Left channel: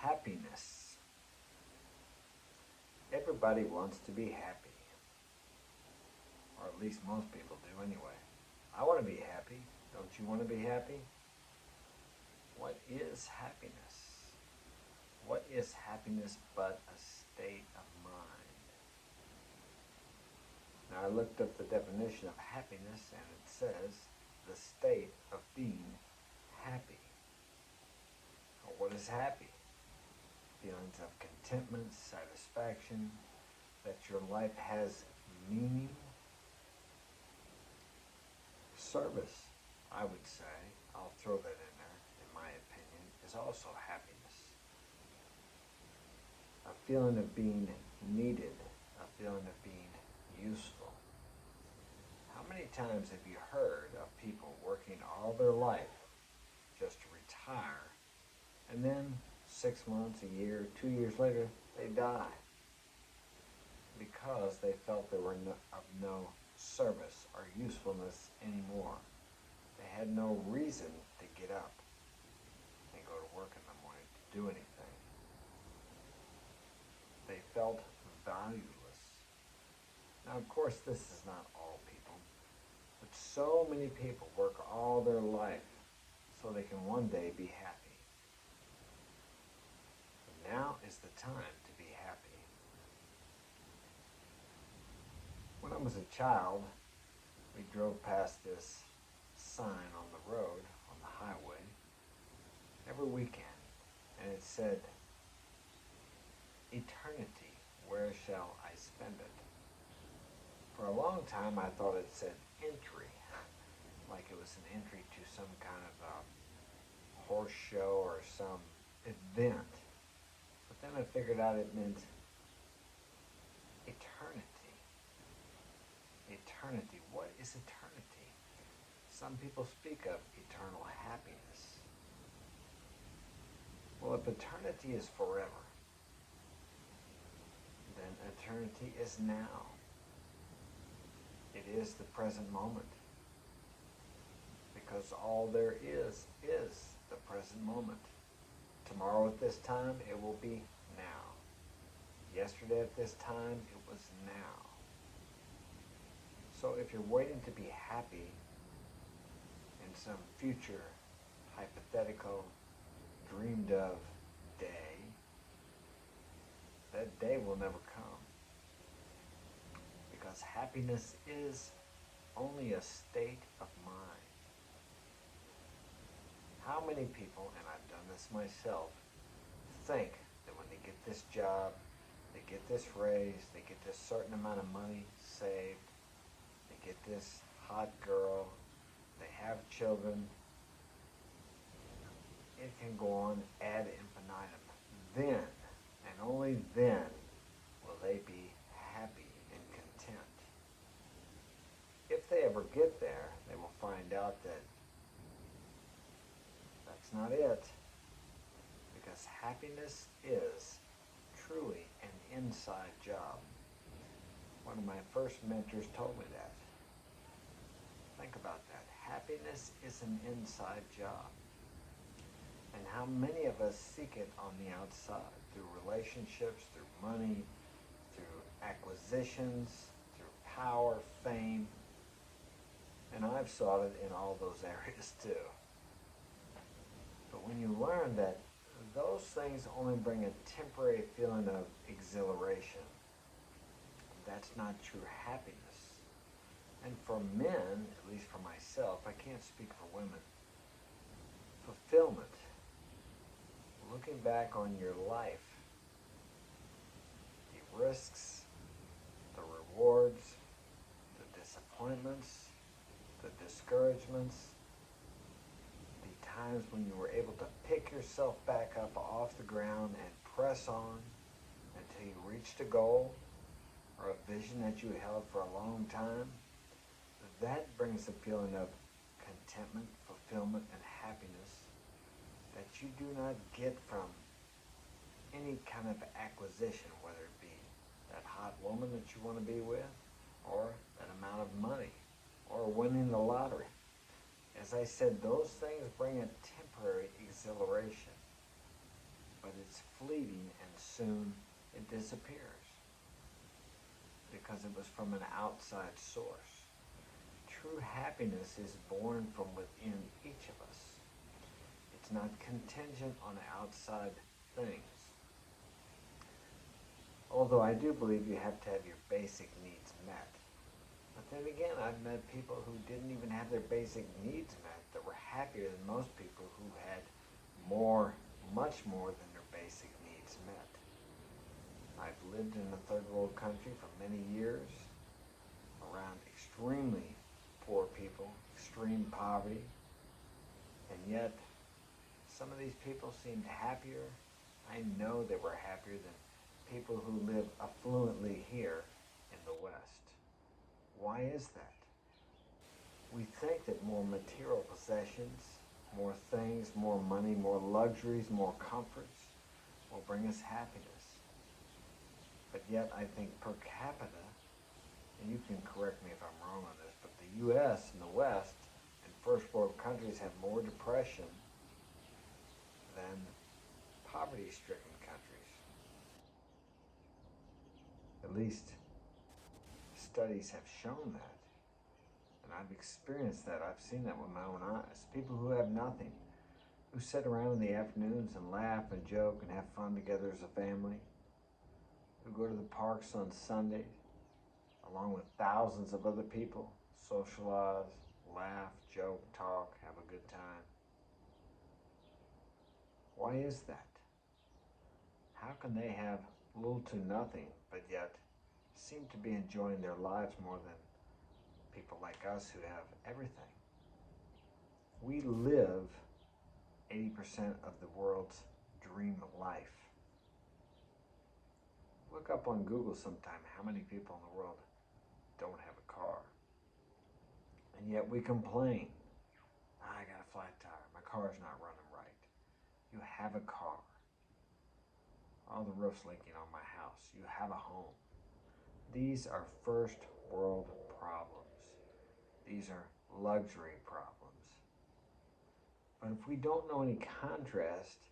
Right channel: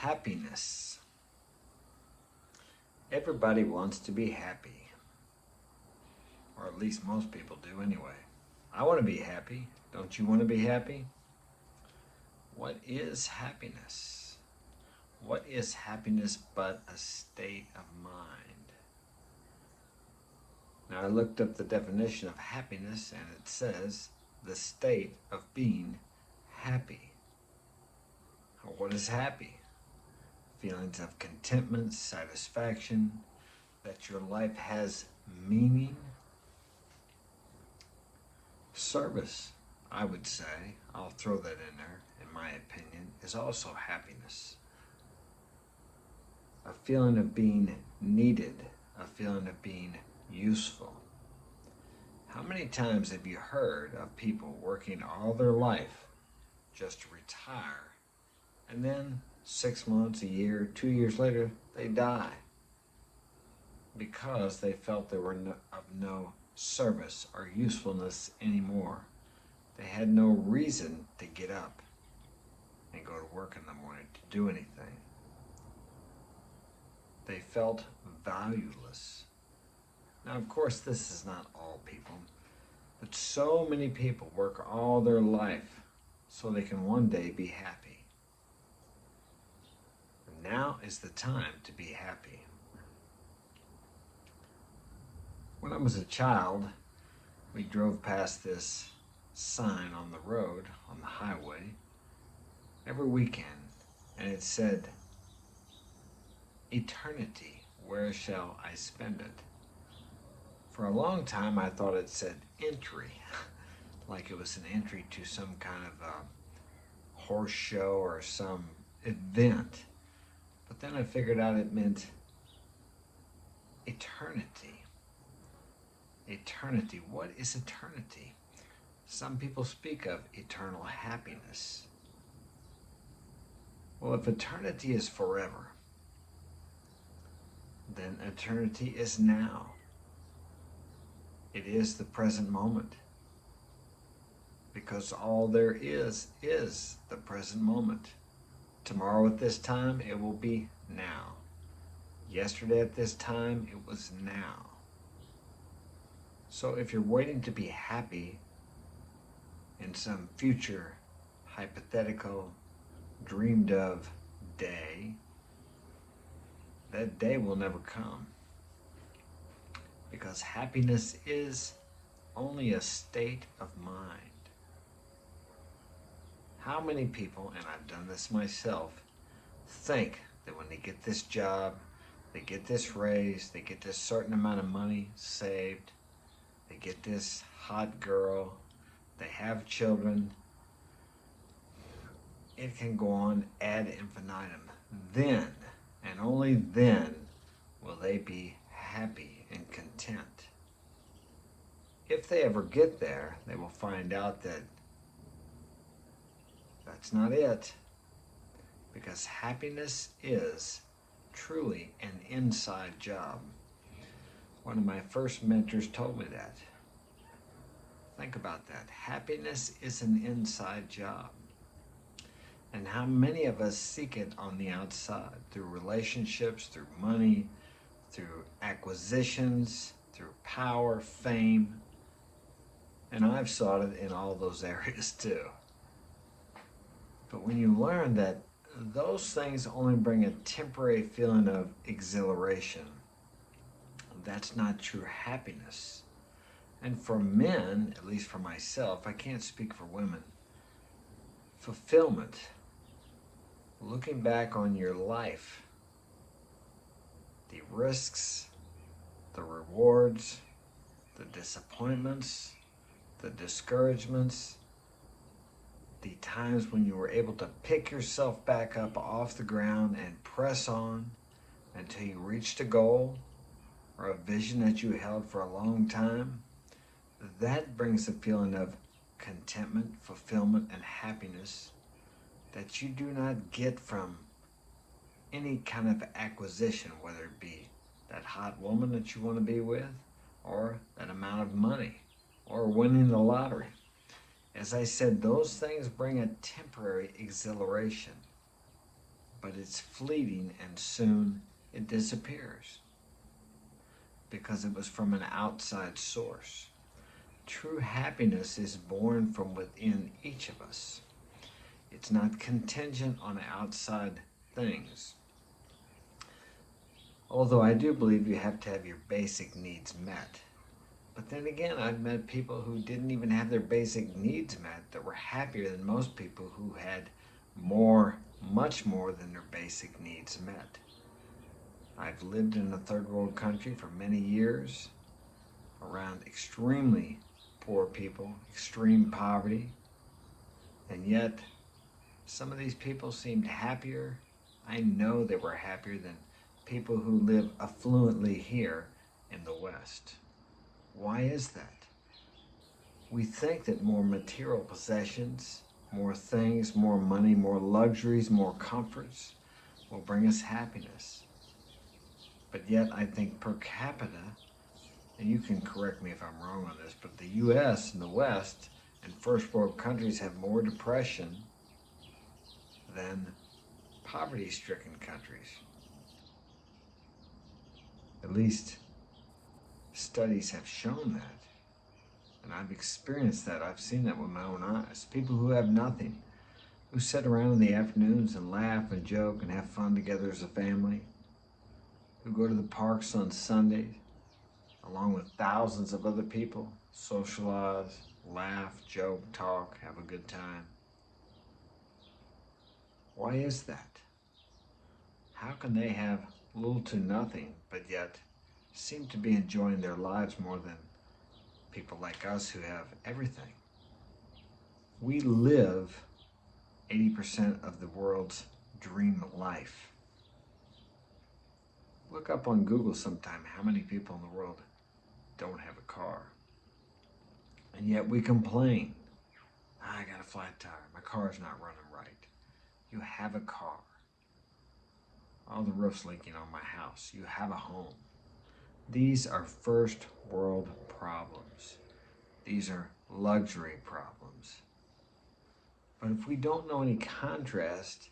Happiness. Everybody wants to be happy, or at least most people do anyway. I want to be happy. Don't you want to be happy? What is happiness? What is happiness but a state of mind? Now I looked up the definition of happiness and it says the state of being happy. What is happy? Feelings of contentment, satisfaction, that your life has meaning. Service, I would say, I'll throw that in there, in my opinion, is also happiness. A feeling of being needed, a feeling of being useful. How many times have you heard of people working all their life just to retire, and then 6 months, a year, 2 years later, they die because they felt they were of no service or usefulness anymore. They had no reason to get up and go to work in the morning to do anything. They felt valueless. Now, of course, this is not all people, but so many people work all their life so they can one day be happy. Now is the time to be happy. When I was a child, we drove past this sign on the road, on the highway, every weekend, and it said, "Eternity, where shall I spend it?" For a long time, I thought it said entry, like it was an entry to some kind of a horse show or some event. But then I figured out it meant eternity. Eternity. What is eternity? Some people speak of eternal happiness. Well, if eternity is forever, then eternity is now. It is the present moment. Because all there is the present moment. Tomorrow at this time, it will be now. Yesterday at this time, it was now. So if you're waiting to be happy in some future, hypothetical, dreamed of day, that day will never come. Because happiness is only a state of mind. How many people, and I've done this myself, think that when they get this job, they get this raise, they get this certain amount of money saved, they get this hot girl, they have children, it can go on ad infinitum. Then, and only then, will they be happy and content. If they ever get there, they will find out that that's not it, because happiness is truly an inside job. One of my first mentors told me that. Think about that. Happiness is an inside job. And how many of us seek it on the outside, through relationships, through money, through acquisitions, through power, fame. And I've sought it in all those areas too. But when you learn that those things only bring a temporary feeling of exhilaration, that's not true happiness. And for men, at least for myself, I can't speak for women, fulfillment, looking back on your life, the risks, the rewards, the disappointments, the discouragements, the times when you were able to pick yourself back up off the ground and press on until you reached a goal or a vision that you held for a long time, that brings a feeling of contentment, fulfillment, and happiness that you do not get from any kind of acquisition, whether it be that hot woman that you want to be with, or that amount of money, or winning the lottery. As I said, those things bring a temporary exhilaration, but it it's fleeting and soon it disappears because it was from an outside source. True happiness is born from within each of us. It's not contingent on outside things. Although I do believe you have to have your basic needs met. But then again, I've met people who didn't even have their basic needs met that were happier than most people who had more, much more than their basic needs met. I've lived in a third world country for many years around extremely poor people, extreme poverty, and yet some of these people seemed happier. I know they were happier than people who live affluently here in the West. Why is that? We think that more material possessions, more things, more money, more luxuries, more comforts will bring us happiness. But yet I think per capita, and you can correct me if I'm wrong on this, but the US and the West and first world countries have more depression than poverty-stricken countries. At least studies have shown that. And I've experienced that. I've seen that with my own eyes. People who have nothing, who sit around in the afternoons and laugh and joke and have fun together as a family, who go to the parks on Sundays, along with thousands of other people, socialize, laugh, joke, talk, have a good time. Why is that? How can they have little to nothing, but yet seem to be enjoying their lives more than people like us who have everything? We live 80% of the world's dream life. Look up on Google sometime how many people in the world don't have a car. And yet we complain. I got a flat tire. My car's not running right. You have a car. Oh, the roof's leaking on my house. You have a home. These are first world problems. These are luxury problems. But if we don't know any contrast,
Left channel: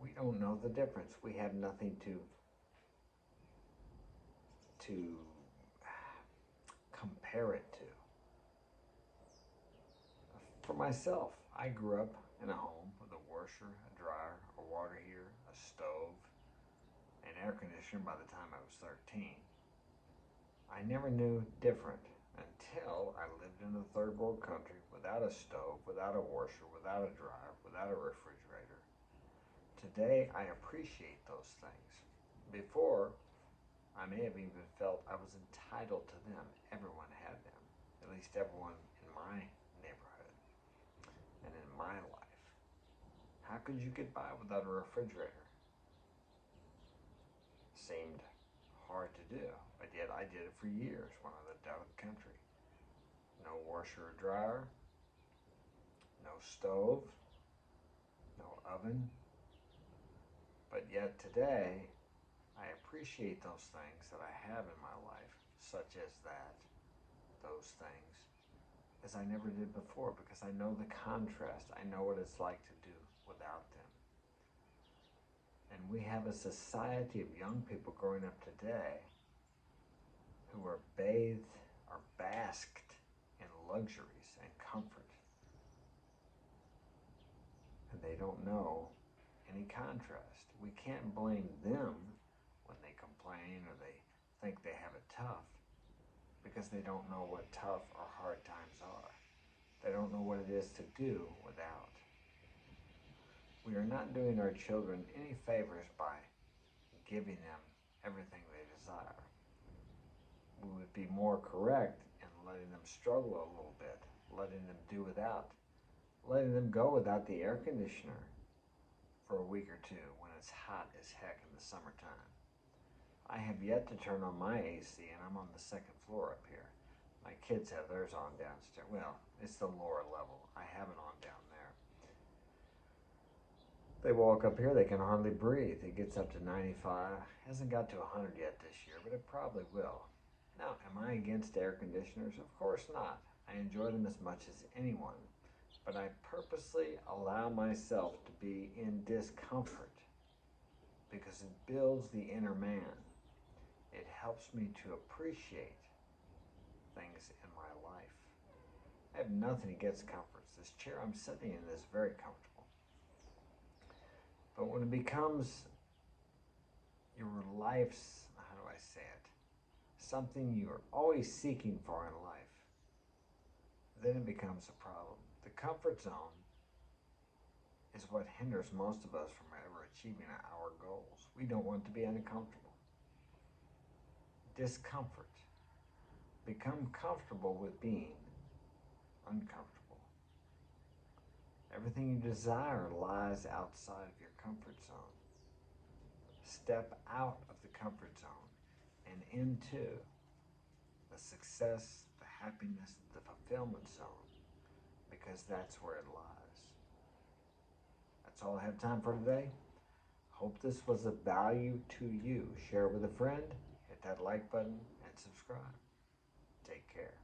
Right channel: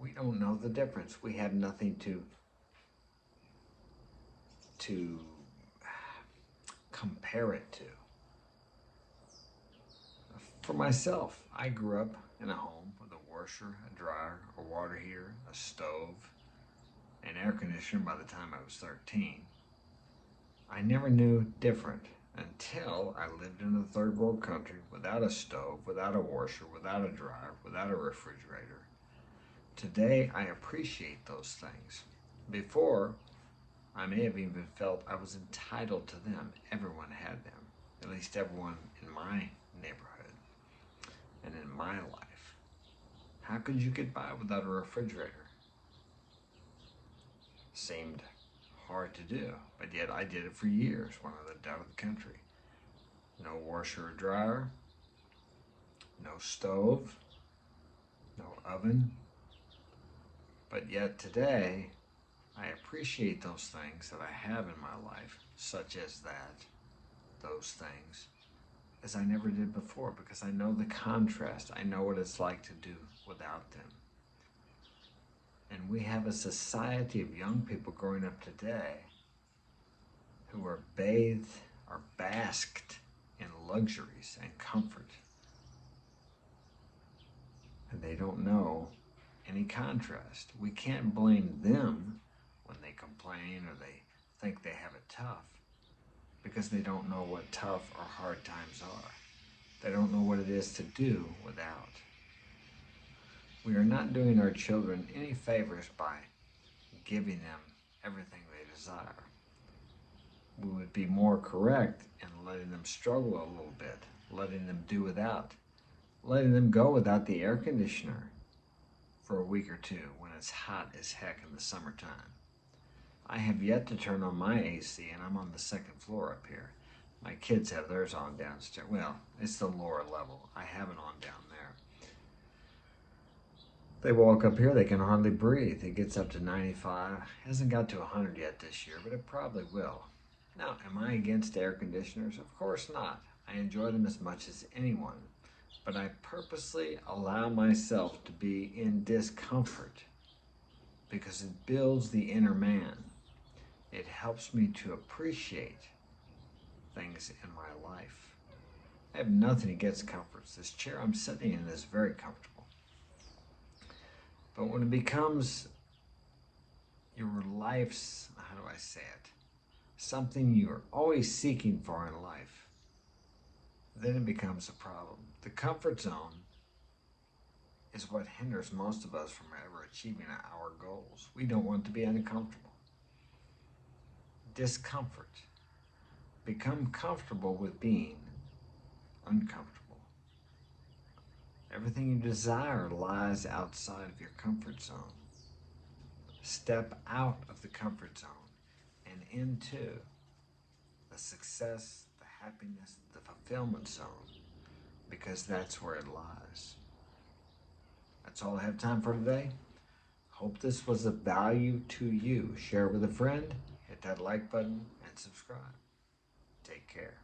we don't know the difference. We have nothing to compare it to. For myself, I grew up in a home with a washer, a dryer, a water heater, a stove, an air conditioner by the time I was 13. I never knew different until I lived in a third world country without a stove, without a washer, without a dryer, without a refrigerator. Today, I appreciate those things. Before, I may have even felt I was entitled to them. Everyone had them, at least everyone in my neighborhood and in my life. How could you get by without a refrigerator? Seemed hard to do, but yet I did it for years when I lived out of the country. No washer or dryer, no stove, no oven. But yet today, I appreciate those things that I have in my life, such as that, those things, as I never did before, because I know the contrast. I know what it's like to do without them. And we have a society of young people growing up today who are bathed or basked in luxuries and comfort. And they don't know any contrast. We can't blame them when they complain or they think they have it tough, because they don't know what tough or hard times are. They don't know what it is to do without. We are not doing our children any favors by giving them everything they desire. We would be more correct in letting them struggle a little bit, letting them do without, letting them go without the air conditioner for a week or two when it's hot as heck in the summertime. I have yet to turn on my AC, and I'm on the second floor up here. My kids have theirs on downstairs. Well, it's the lower level. I have it on down there. They walk up here, they can hardly breathe. It gets up to 95. Hasn't got to 100 yet this year, but it probably will. Now, am I against air conditioners? Of course not. I enjoy them as much as anyone. But I purposely allow myself to be in discomfort because it builds the inner man. It helps me to appreciate things in my life. I have nothing against comforts. This chair I'm sitting in is very comfortable. But when it becomes your life's, how do I say it, something you're always seeking for in life, then it becomes a problem. The comfort zone is what hinders most of us from ever achieving our goals. We don't want to be uncomfortable. Discomfort. Become comfortable with being uncomfortable. Everything you desire lies outside of your comfort zone. Step out of the comfort zone and into the success, the happiness, the fulfillment zone, because that's where it lies. That's all I have time for today. Hope this was of value to you. Share with a friend, hit that like button, and subscribe. Take care.